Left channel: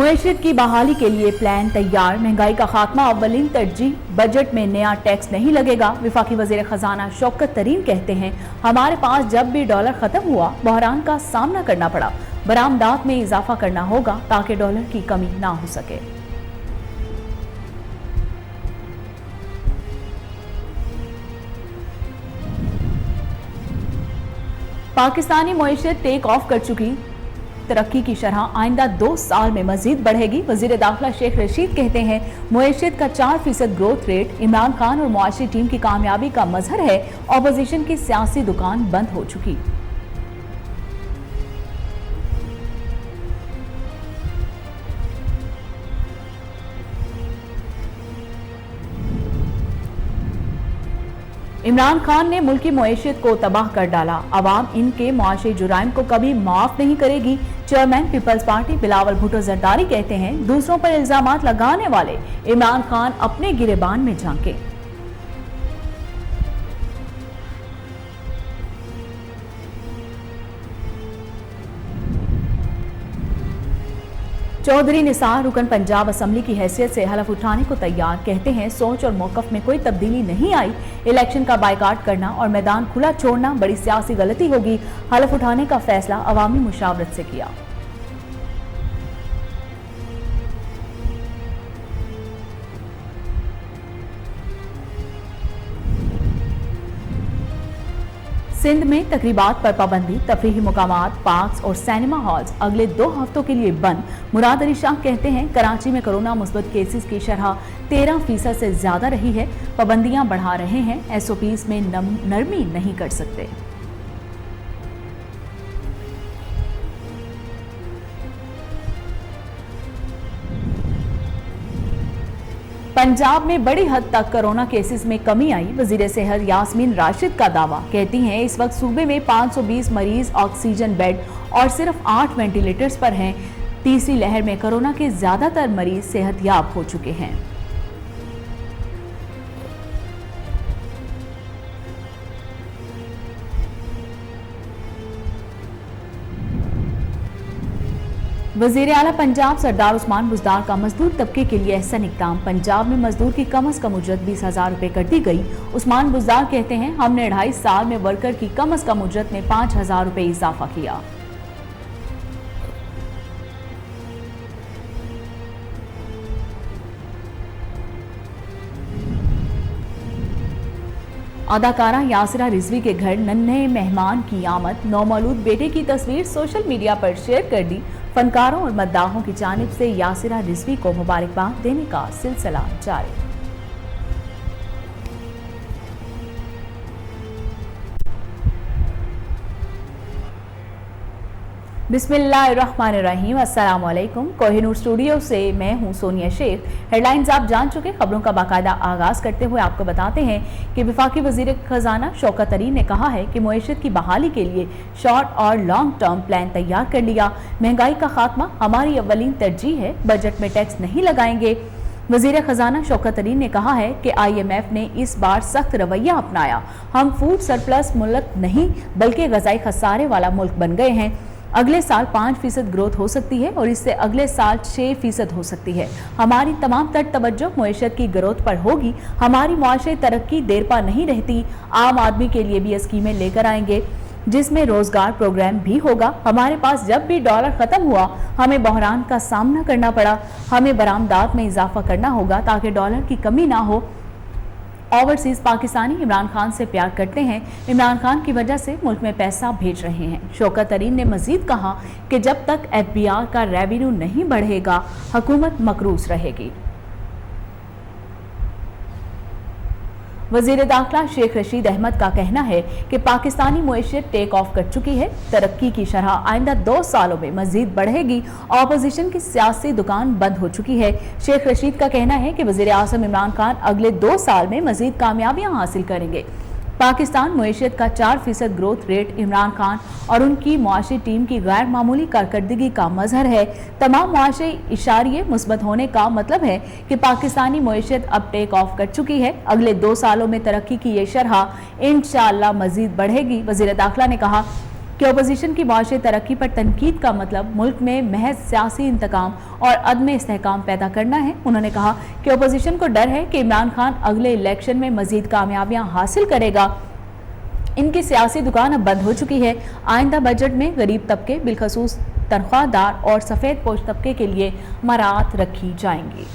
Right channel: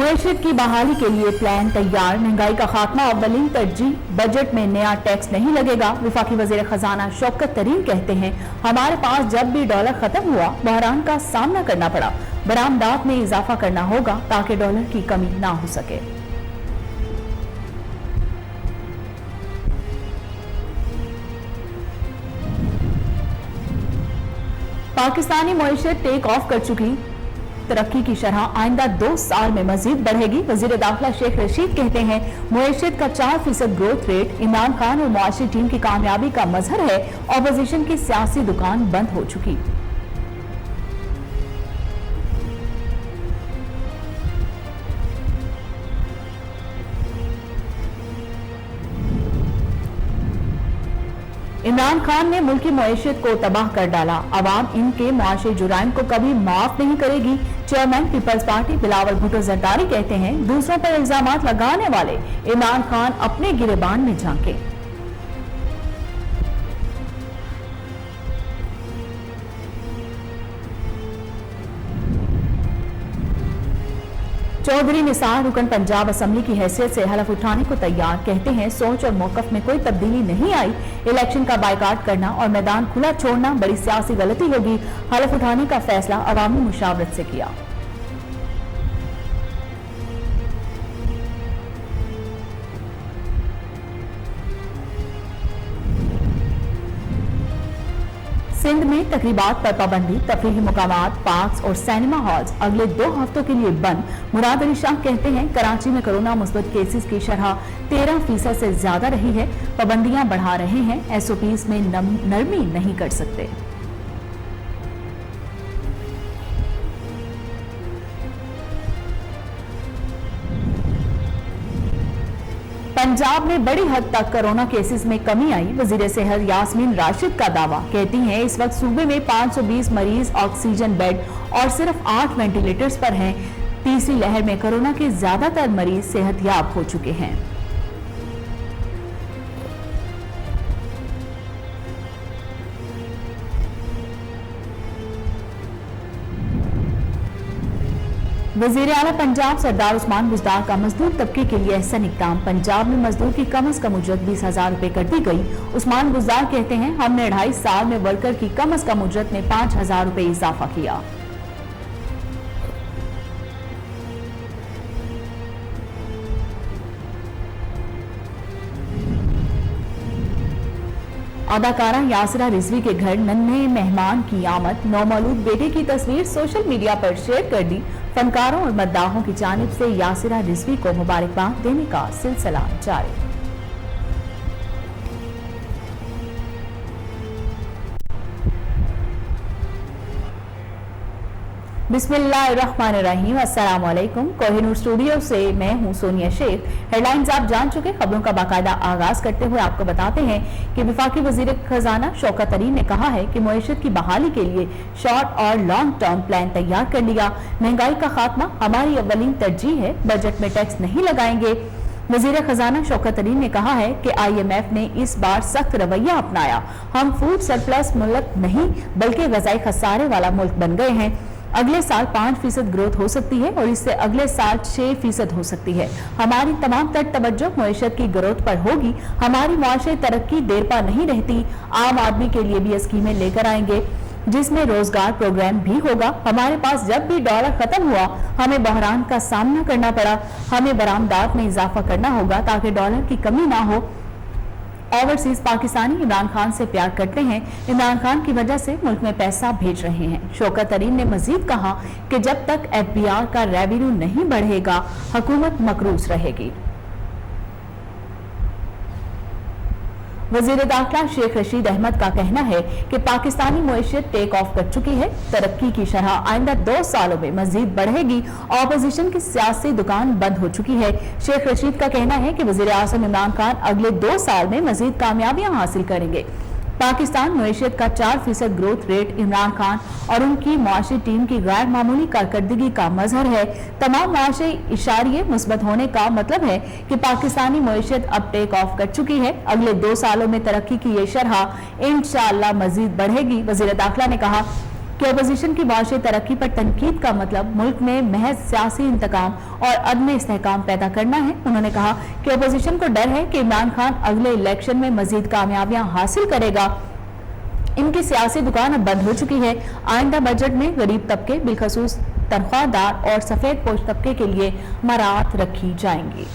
मुआशियत की बहाली के लिए प्लान तैयार, महंगाई का खात्मा अव्वलीन तरजीह, बजट में नया टैक्स नहीं लगेगा। वफाकी वजीर खजाना शौकत तरीन कहते हैं, हमारे पास जब भी डॉलर खत्म हुआ बहरान का सामना करना पड़ा, बरामदात में इजाफा करना होगा ताकि डॉलर की कमी ना हो सके। पाकिस्तानी मुआशियत टेक ऑफ कर चुकी, तरक्की की शरह आइंदा 2 साल में मजीद बढ़ेगी। वजीर दाखिला शेख रशीद कहते हैं, मुआशियत का 4% ग्रोथ रेट इमरान खान और मुआशी टीम की कामयाबी का मजहर है। ऑपोजिशन की सियासी दुकान बंद हो चुकी। इमरान खान ने मुल्की मुआशियत को तबाह कर डाला, अवाम इनके मुआशी जुराइम को कभी माफ नहीं करेगी। चेयरमैन पीपल्स पार्टी बिलावल भुट्टो जरदारी कहते हैं, दूसरों पर इल्जामात लगाने वाले इमरान खान अपने गिरेबान में झांके। चौधरी निसार रुकन पंजाब असम्बली की हैसियत से हलफ उठाने को तैयार, कहते हैं सोच और मौकफ में कोई तब्दीली नहीं आई। इलेक्शन का बायकाट करना और मैदान खुला छोड़ना बड़ी सियासी गलती होगी। हलफ उठाने का फैसला अवामी मुशावरत से किया। सिंध में तकरीबात पर पाबंदी, तफरीही मुकामात, पार्क्स और सिनेमा हॉल्स अगले 2 हफ्तों के लिए बंद। मुराद अली शाह कहते हैं, कराची में कोरोना मुस्बत केसेस की शरह 13% से ज्यादा रही है। पाबंदियां बढ़ा रहे हैं, SOPs में नरमी नहीं कर सकते। पंजाब में बड़ी हद तक कोरोना केसेस में कमी आई। वजीर सेहत यास्मीन राशिद का दावा, कहती हैं इस वक्त सूबे में 520 मरीज ऑक्सीजन बेड और सिर्फ 8 वेंटिलेटर्स पर हैं। तीसरी लहर में कोरोना के ज्यादातर मरीज सेहतयाब हो चुके हैं। वजीर आला पंजाब सरदार उस्मान बुज़दार का मजदूर तबके के लिए एहसन इक़दाम, पंजाब में मजदूर की कम अज कम उजरत 20,000 रुपए कर दी गई। उस्मान बुज़दार कहते हैं, हमने 2.5 साल में वर्कर की कम अज कम उजरत में 5,000 रुपए इजाफा किया। अदाकारा यासिरा रिजवी के घर नन्हे मेहमान की आमद, नौमौलूद बेटे की तस्वीर सोशल मीडिया पर शेयर कर दी। फनकारों और मद्दाहों की जानिब से यासिरा रिजवी को मुबारकबाद देने का सिलसिला जारी। बिस्मिल्लाहिर्रहमानिर्रहीम, अस्सलाम वालेकुम। कोहिनूर स्टूडियो से मैं हूं सोनिया शेख। हेडलाइंस आप जान चुके, खबरों का बाकायदा आगाज करते हुए आपको बताते हैं कि वफाकी वजीर खजाना शौकत तरीन ने कहा है कि मुआशियत की बहाली के लिए शॉर्ट और लॉन्ग टर्म प्लान तैयार कर लिया। महंगाई का खात्मा हमारी अव्वलीन तरजीह है, बजट में टैक्स नहीं लगाएंगे। वजीर खजाना शौकत तरीन ने कहा है कि IMF ने इस बार सख्त रवैया अपनाया। हम फूड सरप्लस मुल्क नहीं बल्कि गजाई खसारे वाला मुल्क बन गए हैं। अगले साल 5% ग्रोथ हो सकती है और इससे अगले साल 6% हो सकती है। हमारी तमाम तर तवज्जो मुआशियत की ग्रोथ पर होगी। हमारी मुआशी तरक्की देर पा नहीं रहती। आम आदमी के लिए भी स्कीमें लेकर आएंगे जिसमें रोजगार प्रोग्राम भी होगा। हमारे पास जब भी डॉलर खत्म हुआ हमें बहरान का सामना करना पड़ा, हमें बरामदात में इजाफा करना होगा ताकि डॉलर की कमी ना हो। ओवरसीज पाकिस्तानी इमरान खान से प्यार करते हैं, इमरान खान की वजह से मुल्क में पैसा भेज रहे हैं। शौकत तरीन ने मजीद कहा कि जब तक FBR का रेवेन्यू नहीं बढ़ेगा हुकूमत मकरूज रहेगी। वजीर दाखिला शेख रशीद अहमद का कहना है कि पाकिस्तानी मुआशियत टेक ऑफ कर चुकी है। तरक्की की शरह आइंदा 2 सालों में मजीद बढ़ेगी। ऑपोजिशन की सियासी दुकान बंद हो चुकी है। शेख रशीद का कहना है कि वजीर आज़म इमरान खान अगले 2 साल में मजीद कामयाबियां हासिल करेंगे। पाकिस्तान मुआशियत का 4% ग्रोथ रेट इमरान खान और उनकी मुआशी टीम की गैर मामूली कारकर्दगी का मजहर है। तमाम मुआशी इशारे मुस्बत होने का मतलब है कि पाकिस्तानी मुआशियत अब टेक ऑफ कर चुकी है। अगले 2 सालों में तरक्की की ये शरह इंशाअल्लाह मजीद बढ़ेगी। वजीर दाखिला ने कहा, कि अपोजिशन की माशी तरक्की पर तनकीद का मतलब मुल्क में महज सियासी इंतकाम और अदम इस्तेहकाम पैदा करना है। उन्होंने कहा कि अपोजिशन को डर है कि इमरान खान अगले इलेक्शन में मजीद कामयाबियां हासिल करेगा। इनकी सियासी दुकान अब बंद हो चुकी है। आइंदा बजट में गरीब तबके, बिलखसूस तनख्वाहदार और सफेद पोश तबके के लिए मराहत रखी जाएंगी।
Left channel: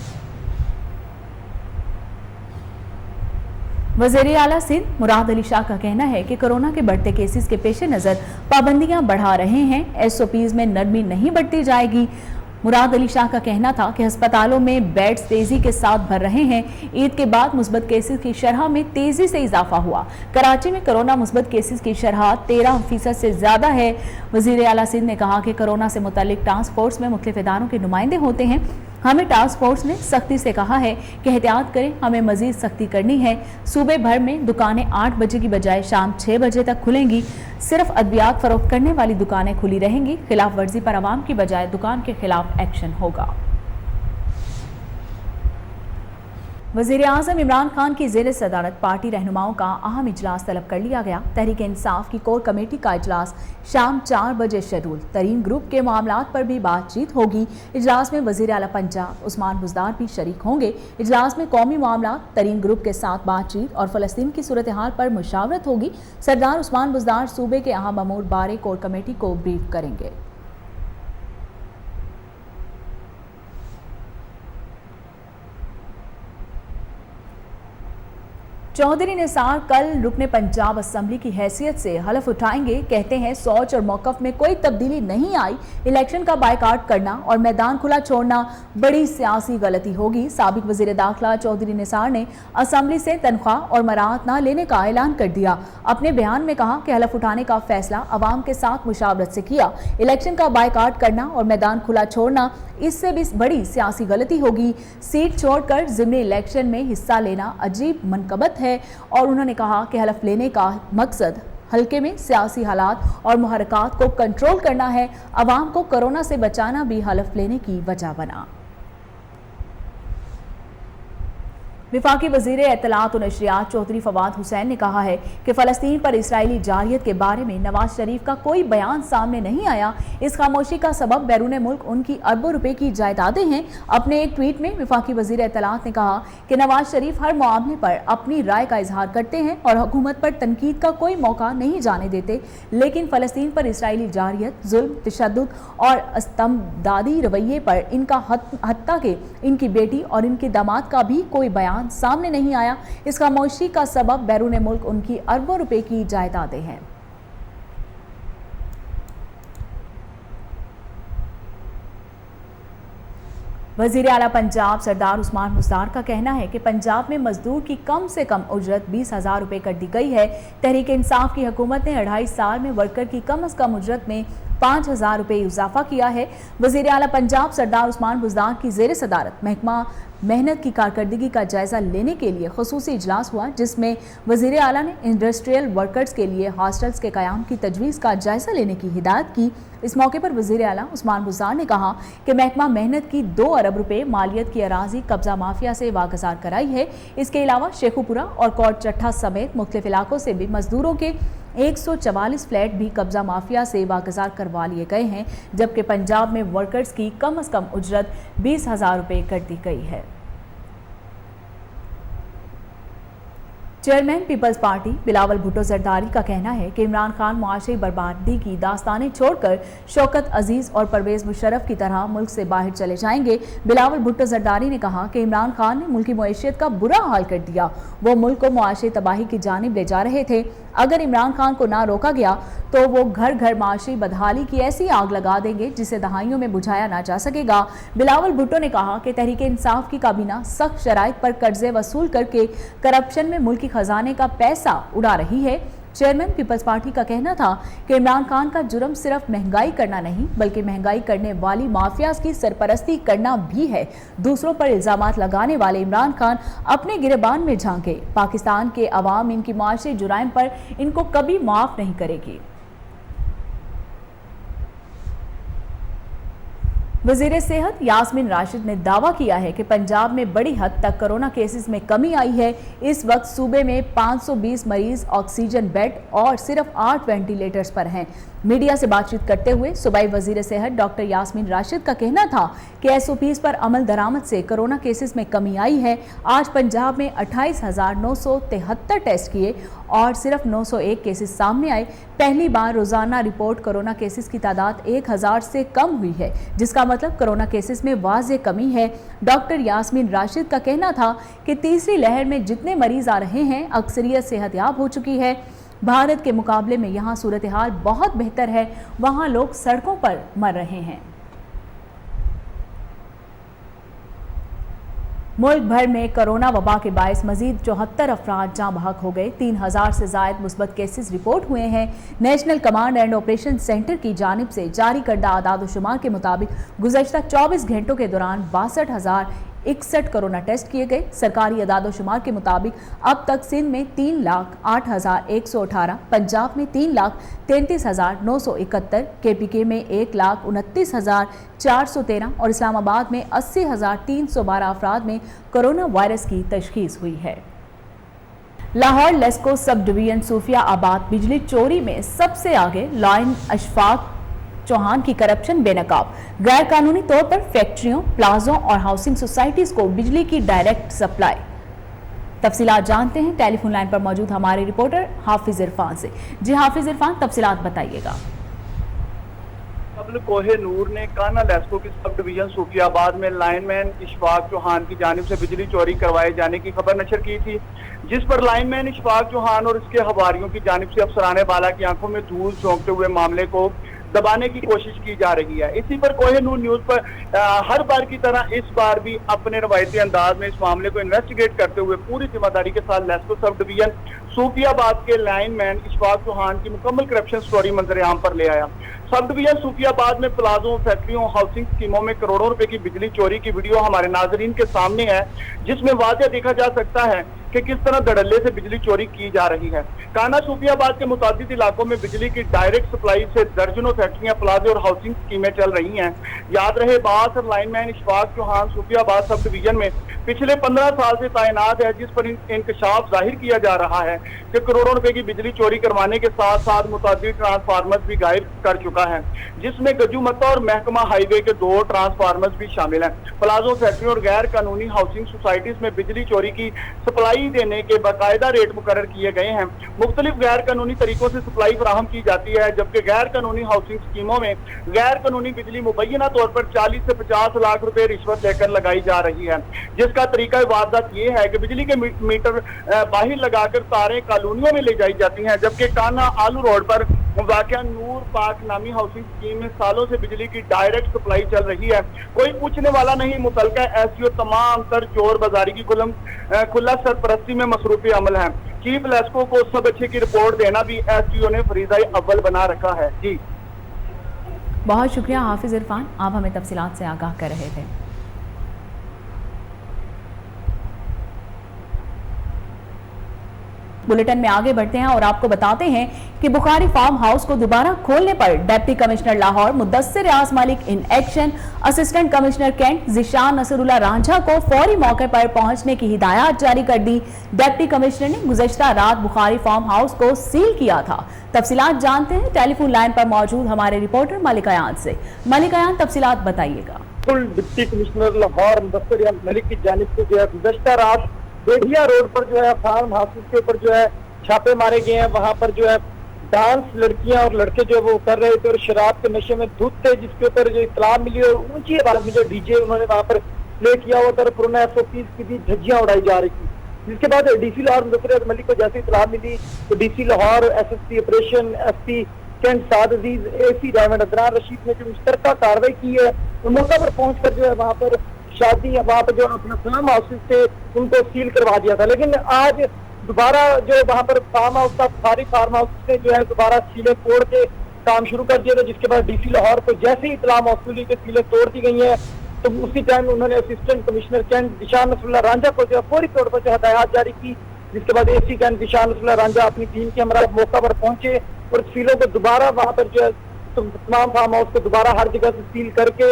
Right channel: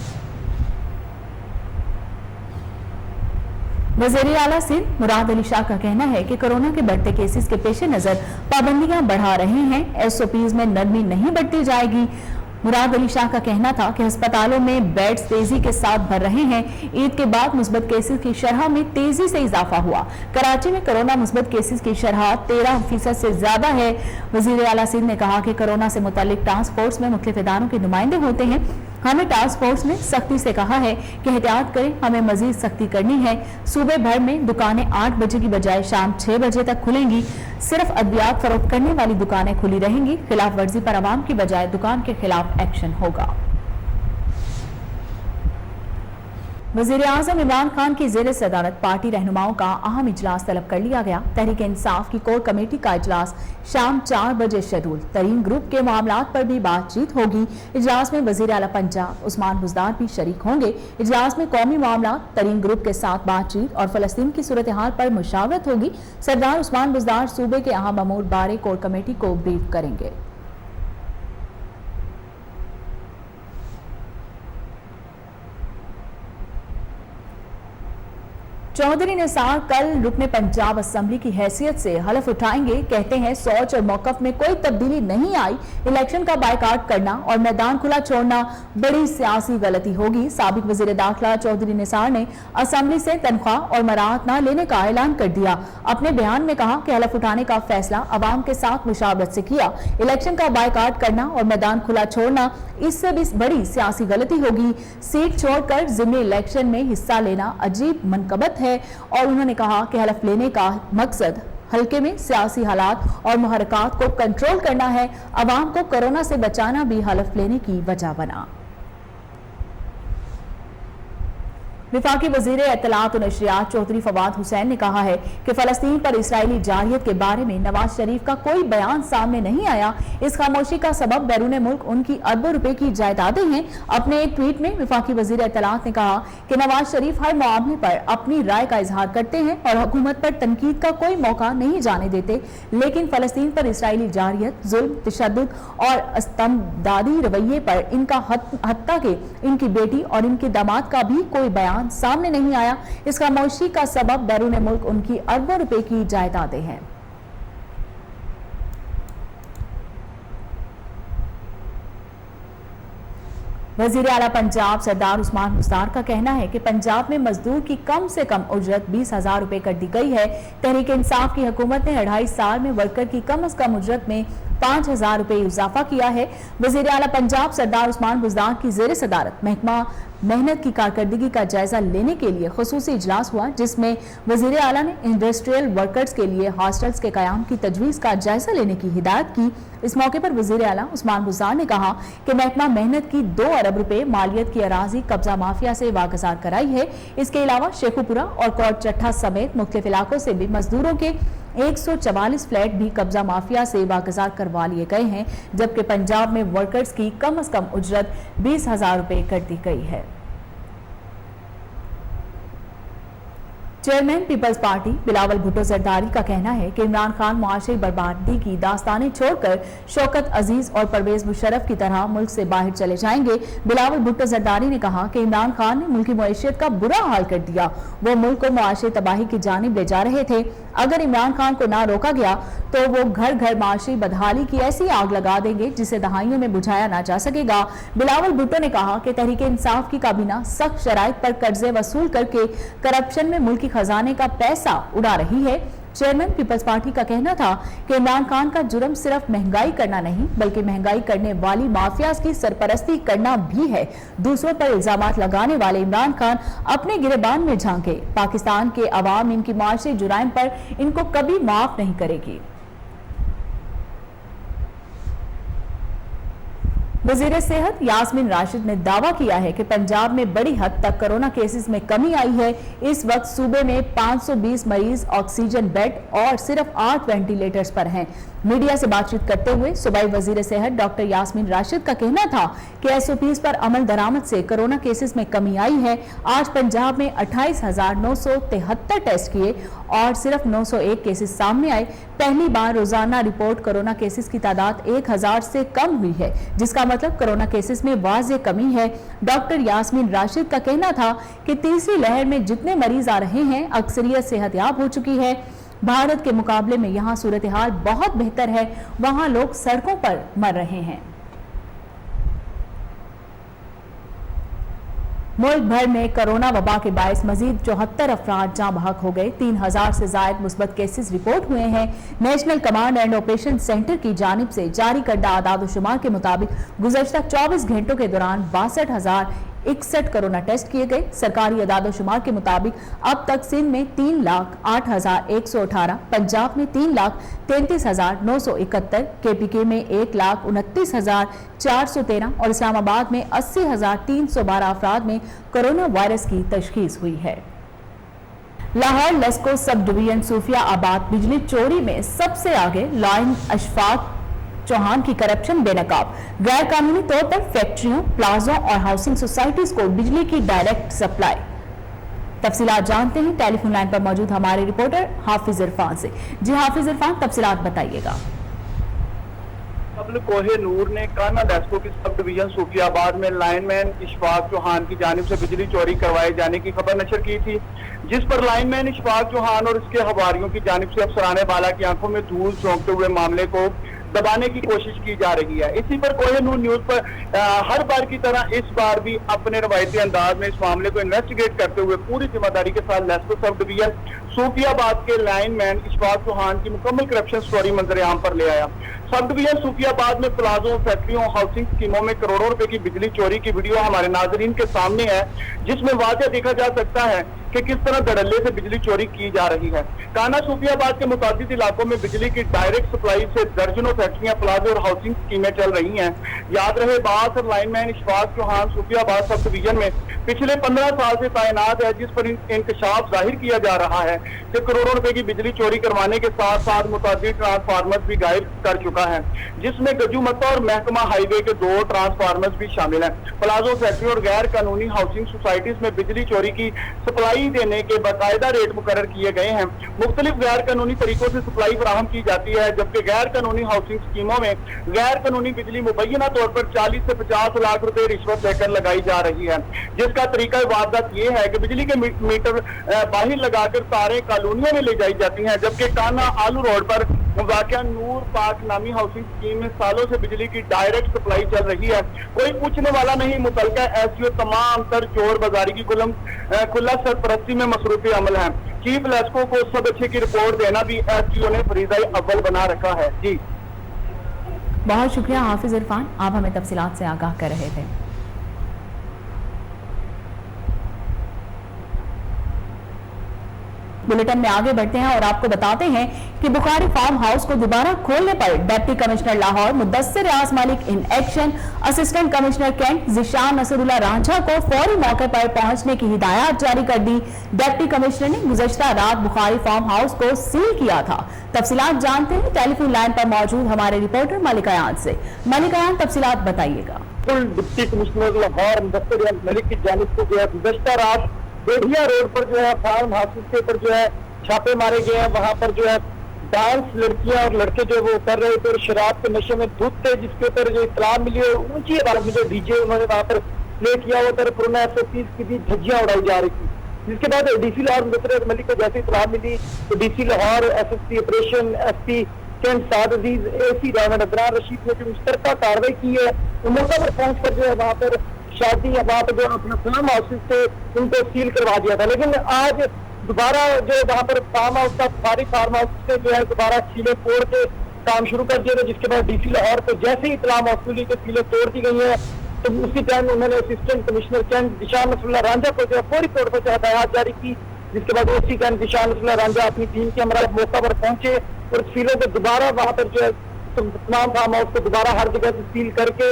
वज़ीर आला सिंध मुराद अली शाह का कहना है कि कोरोना के बढ़ते केसेस के पेश नजर पाबंदियां बढ़ा रहे हैं। एसओपीज में नरमी नहीं बढ़ती जाएगी। मुराद अली शाह का कहना था कि अस्पतालों में बेड्स तेजी के साथ भर रहे हैं। ईद के बाद मुस्बत केसेस की शरह में तेजी से इजाफा हुआ। कराची में कोरोना मुस्बत केसेस की शरह 13% से ज्यादा है। वज़ीर आला सिंध ने कहा कि कोरोना से मुतालिक टास्क फोर्स में मुख्तलिफ इदारों के नुमाइंदे होते हैं। हमें टास्क फोर्स ने सख्ती से कहा है कि एहतियात करें, हमें मजीद सख्ती करनी है। सूबे भर में दुकानें 8 बजे की बजाय शाम 6 बजे तक खुलेंगी। सिर्फ अद्वियात फरोख्त करने वाली दुकानें खुली रहेंगी। खिलाफ वर्जी पर अवाम की बजाय दुकान के खिलाफ एक्शन होगा। वज़ीर आज़म इमरान खान की ज़ेर सदारत पार्टी रहनुमाओं का अहम इजलास तलब कर लिया गया। तहरीक इंसाफ की कोर कमेटी का इजलास शाम 4 बजे शेड्यूल। तरीन ग्रुप के मामलात पर भी बातचीत होगी। इजलास में वज़ीर आला पंजाब उस्मान बुज़दार भी शरीक होंगे। इजलास में कौमी मामलात, तरीन ग्रुप के साथ बातचीत और फलस्तीन की सूरत हाल पर मुशावरत होगी। सरदार उस्मान बुज़दार सूबे के अहम अमूर बारे कोर कमेटी को ब्रीफ करेंगे। चौधरी निसार कल रुकने पंजाब असेंबली की हैसियत से हलफ उठाएंगे। कहते हैं सोच और मौकफ में कोई तब्दीली नहीं आई। इलेक्शन का बायकाट करना और मैदान खुला छोड़ना बड़ी सियासी गलती होगी। साबिक वजीर दाखिला चौधरी निसार ने असेंबली से तनख्वाह और मराहत न लेने का ऐलान कर दिया। अपने बयान में कहा कि हलफ उठाने का फैसला अवाम के साथ मुशावरत से किया। इलेक्शन का बायकाट करना और मैदान खुला छोड़ना इससे भी बड़ी सियासी गलती होगी। सीट छोड़कर ज़िमनी इलेक्शन में हिस्सा लेना अजीब मनकबत है। और उन्होंने कहा कि हलफ लेने का मकसद हल्के में सियासी हालात और मुहरकात को कंट्रोल करना है। अवाम को कोरोना से बचाना भी हलफ लेने की वजह बना। विफाकी वज़ीर इत्तलात और नशरियात चौधरी फवाद हुसैन ने कहा है कि फलस्तीन पर इसराइली जारियत के बारे में नवाज शरीफ का कोई बयान सामने नहीं आया। इस खामोशी का सबब बैरून मुल्क उनकी अरबों रुपए की जायदादें हैं। अपने एक ट्वीट में विफाकी वज़ीर इत्तलात ने कहा कि नवाज शरीफ हर मामले पर अपनी राय का इजहार करते हैं और हुकूमत पर तनकीद का कोई मौका नहीं जाने देते, लेकिन फलस्तीन पर इसराइली जारियत, जुल्म, तशद्दुद और इस्तमदादी रवैये पर इनका हत्ता के इनकी बेटी और इनके दामाद का भी कोई बयान सामने नहीं आया। इस खामोशी का सबब बैरून मुल्क उनकी अरबों रुपए की जायदादें हैं। वज़ीर आला पंजाब सरदार उस्मान बुज़दार का कहना है कि पंजाब में मजदूर की कम से कम उजरत 20,000 रुपए कर दी गई है। तहरीक इंसाफ की हुकूमत ने 2.5 साल में वर्कर की कम से कम उजरत में 5,000 रुपए इजाफा किया है। वज़ीर आला पंजाब सरदार उस्मान बुज़दार की ज़ेर सदारत महकमा मेहनत की कारकर्दगी का जायजा लेने के लिए खुसूसी इजलास हुआ, जिसमें वज़ीर आला ने इंडस्ट्रियल वर्कर्स के लिए हॉस्टल्स के कयाम की तजवीज़ का जायजा लेने की हिदायत की। इस मौके पर वज़ीर आला उस्मान बुज़दार ने कहा कि महकमा मेहनत की 2 अरब रुपए मालियत की अराजी कब्जा माफिया से वागजार कराई है। इसके अलावा शेखुपुरा और कोट चट्ठा समेत मुख्तलिफ इलाकों से भी मजदूरों के 144 फ्लैट भी कब्जा माफिया से वागजार करवा लिए गए हैं, जबकि पंजाब में वर्कर्स की कम से कम उजरत 20,000 रुपए कर दी गई है। चेयरमैन पीपल्स पार्टी बिलावल भुट्टो जरदारी का कहना है कि इमरान खान मुआशी बर्बादी की दास्तानें छोड़कर शौकत अजीज और परवेज मुशर्रफ की तरह मुल्क से बाहर चले जाएंगे। बिलावल भुट्टो जरदारी ने कहा कि इमरान खान ने मुल्की मईशत का बुरा हाल कर दिया। वो मुल्क को मुआशी तबाही की जानिब ले जा रहे थे। अगर इमरान खान को ना रोका गया तो वो घर घर माशी बदहाली की ऐसी आग लगा देंगे जिसे दहाइयों में बुझाया ना जा सकेगा। बिलावल भुट्टो ने कहा कि तहरीक इंसाफ की काबीना सख्त शराइत पर कर्जे वसूल करके करप्शन में मुल्की खजाने का पैसा उड़ा रही है। चेयरमैन पीपल्स पार्टी का कहना था कि इमरान खान का जुर्म सिर्फ महंगाई करना नहीं बल्कि महंगाई करने वाली माफियाज की सरपरस्ती करना भी है। दूसरों पर इल्जामात लगाने वाले इमरान खान अपने गिरबान में झांके। पाकिस्तान के अवाम इनकी माशी जुराइम पर इनको कभी माफ नहीं करेगी। वज़ीर सेहत यास्मीन राशिद ने दावा किया है कि पंजाब में बड़ी हद तक कोरोना केसेस में कमी आई है। इस वक्त सूबे में 520 मरीज ऑक्सीजन बेड और सिर्फ 8 वेंटिलेटर्स पर हैं। मीडिया से बातचीत करते हुए सूबाई वजीर सेहत डॉक्टर यास्मीन राशिद का कहना था कि एसओपीज पर अमल दरामद से कोरोना केसेस में कमी आई है। आज पंजाब में 28,973 टेस्ट किए और सिर्फ 901 केसेस सामने आए। पहली बार रोजाना रिपोर्ट कोरोना केसेस की तादाद 1000 से कम हुई है, जिसका मतलब कोरोना केसेस में वाज़ेह कमी है। डॉक्टर यास्मीन राशिद का कहना था कि तीसरी लहर में जितने मरीज आ रहे हैं अक्सरियत सेहतयाब हो चुकी है। भारत के मुकाबले में यहाँ सूरत हाल बहुत बेहतर है, वहाँ लोग सड़कों पर मर रहे हैं। मुल्क भर में कोरोना वबा के बायस मजीद 74 अफराद जाँ बहक हो गए। 3000 से ज्यादा मुस्बत केसेस रिपोर्ट हुए हैं। National command and operation centre की जानिब से जारी करदा आदाद-ओ-शुमार के मुताबिक गुज़श्ता 24 घंटों के दौरान 62,061 कोरोना टेस्ट किए गए। सरकारी आदाद-ओ-शुमार के मुताबिक अब तक सिंध में 3,08,118, पंजाब में 3,33,971, KPK में 1,29,413 और इस्लामाबाद में 80,312 अफराद में कोरोना वायरस की तशखीस हुई है। लाहौर लेस्को सब डिवीजन सूफिया आबाद बिजली चोरी में सबसे आगे। लाइन अशफाक चौहान की करप्शन बेनकाब। गैर कानूनी तौर पर फैक्ट्रियों, प्लाजों और हाउसिंग सोसाइटीज को बिजली की डायरेक्ट सप्लाई। तफसीलात जानते हैं टेलीफोन लाइन पर मौजूद हमारे रिपोर्टर हाफिज इरफान से। जी हाफिज इरफान, तफसीलात बताइएगा। कोहे नूर ने काना लेस्को की सब डिवीजन सूफियाबाद में लाइनमैन इशफाक चौहान की जानिब से बिजली चोरी करवाए जाने की खबर नशर की थी, जिस पर लाइनमैन इशफाक चौहान और उसके हवारियों की जानिब से अफसराने वाला की आंखों में धूल झोंकते हुए मामले को दबाने की कोशिश की जा रही है। इसी पर कोहे नूर न्यूज पर हर बार की तरह इस बार भी अपने रवायती अंदाज में इस मामले को इन्वेस्टिगेट करते हुए पूरी जिम्मेदारी के साथ लेस्को सब डिवीजन सूफियाबाद के लाइनमैन इशफाक चौहान की मुकम्मल करप्शन स्टोरी मंजर आम पर ले आया। सब डिवीजन सूफियाबाद में प्लाजों, फैक्ट्रियों, हाउसिंग स्कीमों में करोड़ों रुपए की बिजली चोरी की वीडियो हमारे नाजरीन के सामने है, जिसमें वाज़ेह देखा जा सकता है कि किस तरह धड़ल्ले से बिजली चोरी की जा रही है। काना सूफियाबाद के मुताबिक इलाकों में बिजली की डायरेक्ट सप्लाई से दर्जनों फैक्ट्रियां, प्लाजे और हाउसिंग स्कीमें चल रही हैं। याद रहे बात, lineman Ishfaq Chauhan सूफियाबाद sub division में पिछले 15 साल से तैनात है, जिस पर इंकशाफ जाहिर किया जा रहा है कि करोड़ों रुपए की बिजली चोरी करवाने के साथ साथ मुताबिक ट्रांसफार्मर भी गायब कर चुका है, जिसमें गजूमता और महकमा हाईवे के 2 ट्रांसफार्मर्स भी शामिल हैं। प्लाजो, फैक्ट्री और गैर कानूनी हाउसिंग सोसाइटीज में बिजली चोरी की सप्लाई देने के बाकायदा रेट मुकर्रर किए गए हैं। मुख्तलिफ गैर कानूनी तरीकों से सप्लाई फराहम की जाती है, जबकि गैर कानूनी हाउसिंग स्कीमों में गैर कानूनी बिजली मुबैना तौर पर 40 से 50 लाख रुपए रिश्वत लेकर लगाई जा रही है, जिसका तरीका वारदात ये है कि बिजली के मीटर बाहर लगाकर तारें कॉलोनियों में ले जाई जाती हैं, जबकि काना आलू रोड पर वाक़या नूर पाक नामी हाउसिंग स्कीम में सालों से बिजली की डायरेक्ट सप्लाई चल रही है। कोई पूछने वाला नहीं। मुतलका एसडीओ तमाम तर चोर बाजारी की खुला सरपरस्ती में मसरूफी अमल है। चीफ लेस्को को सब अच्छे की रिपोर्ट देना भी एसडीओ ने फरीज़ाई अव्वल बना रखा है। जी बहुत शुक्रिया हाफिज इरफान, आप हमें तफसीलात से आगाह कर रहे थे। बुलेटिन में आगे बढ़ते हैं और आपको बताते हैं कि बुखारी फार्म हाउस को दोबारा खोलने पर deputy commissioner Lahore Mudassir Riaz Malik in action, assistant commissioner cantt Zeeshan Nasrullah Ranjha को फौरी मौके पर पहुंचने की हिदायत जारी कर दी। डिप्टी कमिश्नर ने गुज़श्ता रात बुखारी फार्म हाउस को सील किया था। तफसीलात जानते हैं टेलीफोन लाइन पर मौजूद हमारे रिपोर्टर मलिक अयान से। मलिक अयान, तफसीलात बताइएगा। डिप्टी कमिश्नर लाहौर मुदस्सिर रियाज मलिक की जानिब से जो है गुज़श्ता रात बेढ़िया रोड पर जो है फार्म हाउस के ऊपर जो है छापे मारे गए हैं। वहां पर जो है डांस लड़कियां और लड़के जो वो कर रहे थे और शराब के नशे में धुत थे, जिसके ऊपर जो इत्तला मिली और ऊंची आवाज में जो डीजे उन्होंने वहां पर प्ले किया हुआ था, कोरोना 130 की भी धज्जियां उड़ाई जा रही थी। जिसके बाद डीसी लाहौर मुदस्सिर मलिक को जैसे इत्तला मिली तो DC Lahore, SSP operation, SP cantt Saad Aziz, AC Rana Nazran Rashid ने जो मुश्तरका कार्रवाई की है, मौका पर पहुंच कर जो है वहां पर शादी वहां पर जो अपना फार्म हाउस से उनको सील करवा दिया था। लेकिन आज दोबारा जो वहां पर फार्म हाउस था, सारी फार्म हाउस से जो है दोबारा सीलें तोड़ के काम शुरू कर दिया था, जिसके बाद डीसी लाहौर को जैसे ही इत्तला मौसूल हुई कि सीलें तोड़ दी गई है तो उसी टाइम उन्होंने assistant commissioner cantt Zeeshan Nasrullah Ranjha को जो है फौरी तौर पर हिदायत जारी की, जिसके बाद एसी कैंट ज़िशान नसरुल्लाह रांझा अपनी टीम के हमरा मौका पर पहुंचे और सीलों को दोबारा वहां पर जो है तमाम फार्म हाउस को दोबारा हर जगह से सील करके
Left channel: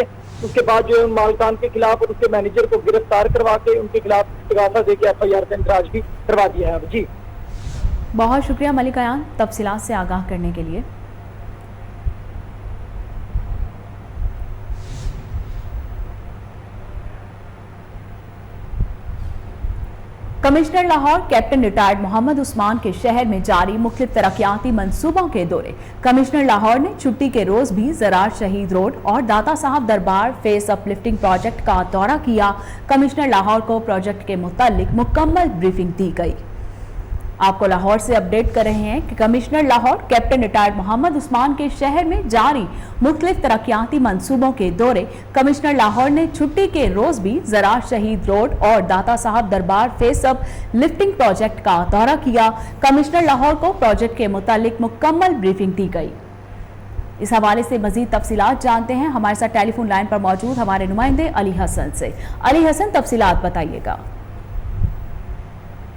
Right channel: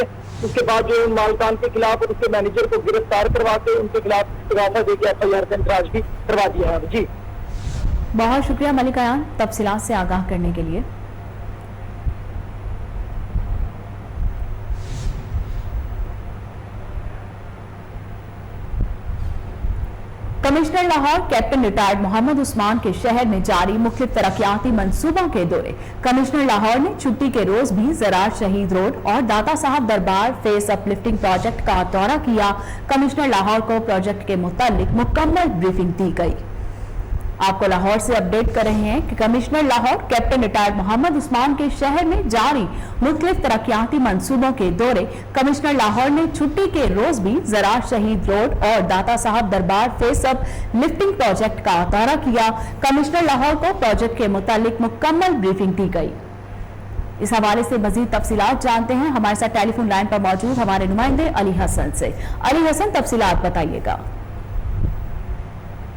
उसके बाद जो मालिकान के खिलाफ और उसके मैनेजर को गिरफ्तार करवा के उनके खिलाफ इस्तीफा देके एफआईआर का इंतराज भी करवा दिया है। जी बहुत शुक्रिया मलिक अयान, तफसीलात से आगाह करने के लिए। Commissioner Lahore captain retired Mohammad Usman के शहर में जारी मुख्तलिफ तरक्याती मंसूबों के दौरे। कमिश्नर लाहौर ने छुट्टी के रोज भी ज़रार शहीद रोड और दाता साहब दरबार फेस अपलिफ्टिंग प्रोजेक्ट का दौरा किया। कमिश्नर लाहौर को प्रोजेक्ट के मुतालिक मुकम्मल ब्रीफिंग दी गई। आपको लाहौर से अपडेट कर रहे हैं कि commissioner Lahore captain retired Mohammad Usman के शहर में जारी मुख्तलिफ तरक्याती मंसूबों के दौरे। कमिश्नर लाहौर ने छुट्टी के रोज भी ज़रार शहीद रोड और दाता साहब दरबार फेस अप लिफ्टिंग प्रोजेक्ट का दौरा किया। कमिश्नर लाहौर को प्रोजेक्ट के मुतालिक मुकम्मल ब्रीफिंग दी गई। इस हवाले से मजीद तफसीलात जानते हैं हमारे साथ टेलीफोन लाइन पर मौजूद हमारे नुमाइंदे अली हसन से। अली हसन, तफसीलात बताइएगा।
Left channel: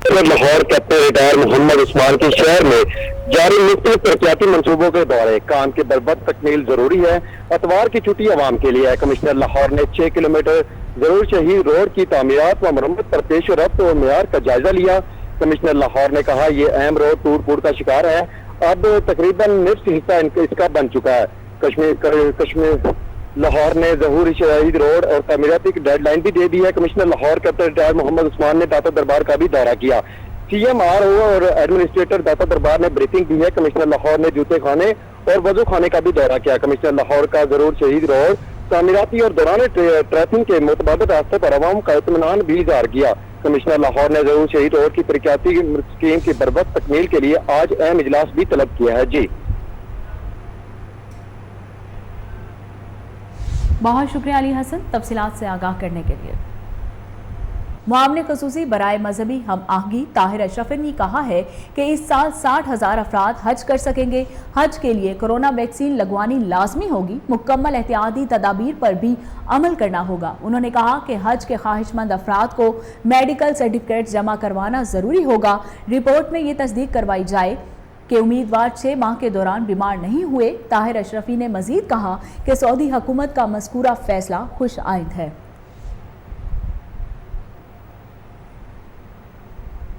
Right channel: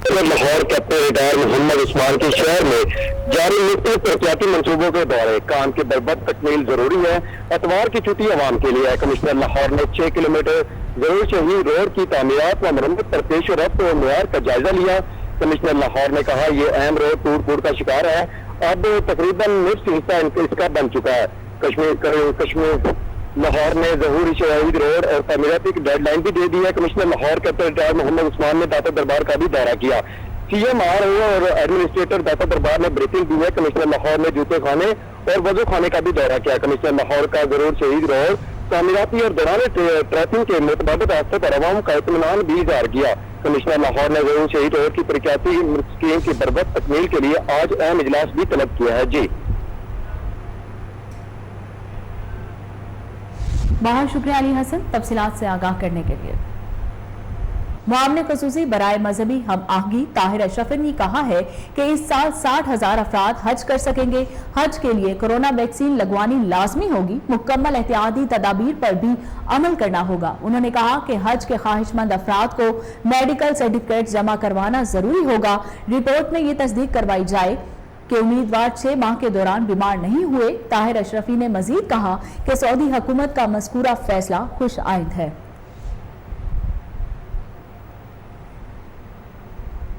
लाहौर कैप्टन रिटायर मोहम्मद उस्मान के शहर में जारी मुख्तलिफ तरक्याती मंसूबों के दौरे काम की बरबत तकमील जरूरी है। अतवार की छुट्टी आवाम के लिए है। कमिश्नर लाहौर ने 6 किलोमीटर ज़रूर शहीद रोड की तामीरात व मरम्मत पर पेश रफ्त और मेयार का जायजा लिया। कमिश्नर लाहौर ने कहा ये अहम रोड टूट फूट का शिकार है, अब तकरीबन निफ्स हिस्सा इसका बन चुका है। कश्मीर लाहौर ने ज़हूर शहीद रोड और तामीराती की डेडलाइन भी दे दी है। Commissioner Lahore captain retired Mohammad Usman ने दाता दरबार का भी दौरा किया। CMRO और एडमिनिस्ट्रेटर दाता दरबार ने ब्रीफिंग दी है। कमिश्नर लाहौर ने जूते खाने और वजू खाने का भी दौरा किया। कमिश्नर लाहौर का ज़रूर शहीद रोड तामीराती और दौरान ट्रैफिक के मुतबादिल रास्ते पर अवाम का इत्मीनान भी इज़हार किया। कमिश्नर लाहौर ने ज़रूर शहीद रोड की तरक्याती स्कीम की बरबत तकमील के लिए आज अहम इजलास भी तलब किया है। जी बहुत शुक्रिया अली हसन तफसीलात से आगाह करने के लिए। मुआवने खसूसी बराए मजहबी हम आहंगी ताहिर अशरफी ने कहा है कि इस साल 60,000 अफराद हज कर सकेंगे। हज के लिए कोरोना वैक्सीन लगवानी लाजमी होगी। मुकम्मल एहतियाती तदाबीर पर भी अमल करना होगा। उन्होंने कहा कि हज के ख्वाहिशमंद अफराद को मेडिकल सर्टिफिकेट जमा करवाना जरूरी होगा। रिपोर्ट में ये तस्दीक करवाई जाए कि उम्मीदवार 6 माह के दौरान बीमार नहीं हुए। ताहिर अशरफी ने मजीद कहा कि सऊदी हुकूमत का मज़कूरा फैसला खुश आइंद है।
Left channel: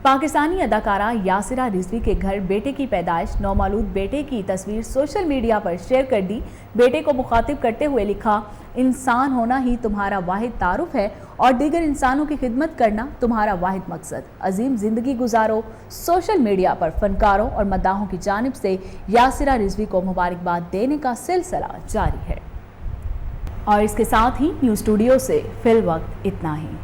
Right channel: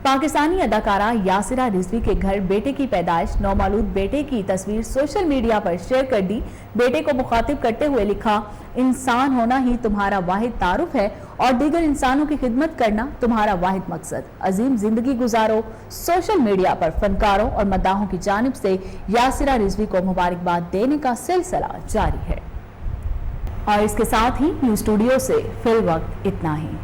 पाकिस्तानी अदाकारा यासिरा रिजवी के घर बेटे की पैदाइश नौमालूद बेटे की तस्वीर सोशल मीडिया पर शेयर कर दी। बेटे को मुखातिब करते हुए लिखा, इंसान होना ही तुम्हारा वाहिद तारुफ है और दीगर इंसानों की खिदमत करना तुम्हारा वाहिद मकसद। अजीम जिंदगी गुजारो। सोशल मीडिया पर फनकारों और मद्दाहों की जानिब से यासिरा रिजवी को मुबारकबाद देने का सिलसिला जारी है। और इसके साथ ही न्यूज़ स्टूडियो से फिल वक्त इतना ही।